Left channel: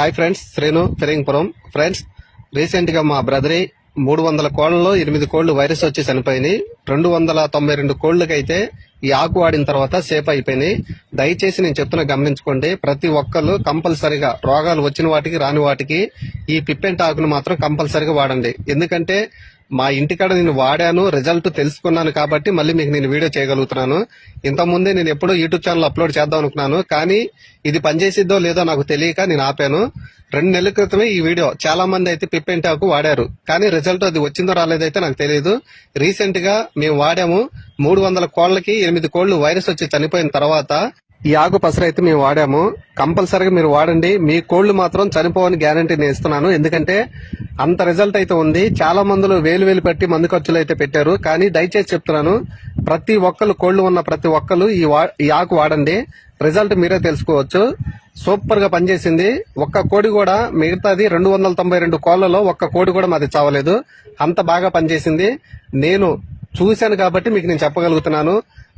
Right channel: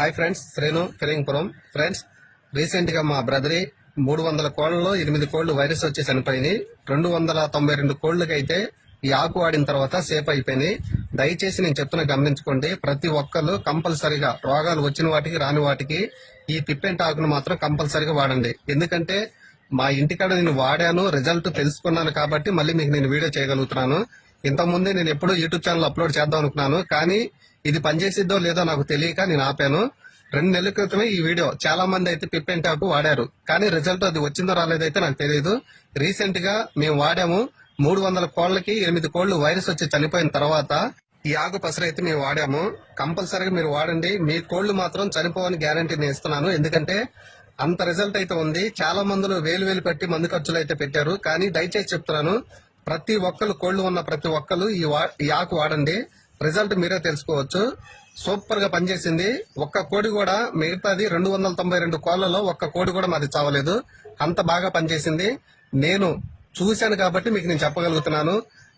Hi friends, Srenu Phirangipuram. Friends, recent గా మా బ్రదరి 300 కోళ్లలో 8 కోళ్లు వైరస్ వచ్చి చనిపోయినాయి. 292 కోళ్లకైతే ఈ ఆకు వాడిన తర్వాత సేఫ్ అయిపోయినాయి. దయచేసి నేను చెప్తున్నా గమనించుకోండి. ప్రతి ఒక్కరు కంపల్సరిగా రోగాలు వచ్చిన వాటికి రాని వాటికి ఈ పిప్పెంట్ ఆకును మాత్రం కంపల్సరిగా వాడండి. ఎందుకంటే మా ఇంటికాడ నేను వాడాను, రిజల్ట్ తెలుసుకున్నాను కాబట్టి మళ్ళీ మీకు నేను వీడియో చేయగలుగుతున్నాను. ఇంతకుముందే నేను ఎప్పుడో యూట్యూబ్ ఛానల్ అప్లోడ్ చేద్దాం అనుకున్నాను, కానీ ఇది పనిచేసిద్దో లేదో నాకు తెలియక నేను ఆపాను. 2 నెలల క్రితమే ఈ వీడియో చాలా మంది అయితే పిప్పెంట్ ఆకు వాడారు, కానీ రిజల్ట్ అది వచ్చిందో రాలేదైతే నాకు తెలియదు. రీసెంట్ గా మేము వాడాము. 300 కోళ్లకి 8 కోళ్లు వైరస్ వచ్చి చనిపోయిన తర్వాత ఈ ఆకు పసరు అయితే మేము వాడాము. కంపల్సరీగా మీరు వాడండి. మీ కోళ్లు మాత్రం చనిపోవని గ్యారంటీ నేను ఇస్తున్నాను. ఎందుకంటే అంత రిజల్ట్ అయితే ఉంది. చాలా మందులు వేలు పెట్టి మందు ఖర్చులు అయితే పెట్టారు, కానీ దయచేసి చెప్తున్నాను, ప్రతి ఒక్కరు కోళ్లు ఉన్న ప్రతి ఒక్కరు ఈ ఆకు వాడండి. రిజల్ట్ మీరే తెలుసుకోవచ్చు. సూపర్ గా పనిచేసింది. ఒక్క కోడి కూడా, మిగతాది 292 కోళ్లలో ఒక్క కోడి కూడా మాది చావలేదు. అంత బాగా పనిచేసింది. నేను చూశాను కాబట్టి మీకు నేను చెప్పగలుగుతున్నాను.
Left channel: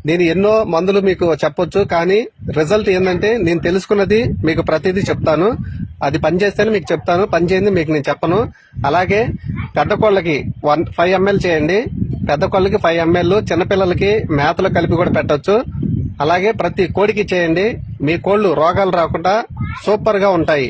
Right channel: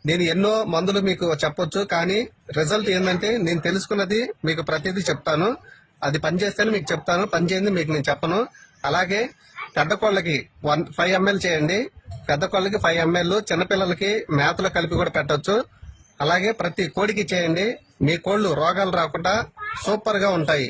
నేను ఎన్నో మందులు మీకు చెప్పొచ్చు, కానీ రిజల్ట్ ఏంటంటే నేను తెలుసుకున్నది మీకు ప్రతిదీ చెప్తాను. అది పనిచేస్తేనే మీకు చెప్తాను, పని చేయండి మీకు నేను చెప్పను. అలాగే పెద్ద కోళ్ళకి 5 ml చేయండి. పెద్ద కోళ్ళకి 5 ml, చిన్నపిల్లలకి మేతలు కలిపి కూడా పెట్టొచ్చు. అలాగే ప్రతి కోడికి చేయండి. మీ కోళ్లు రోగాలు రాకుండా సూపర్ గా ఉంటాయి.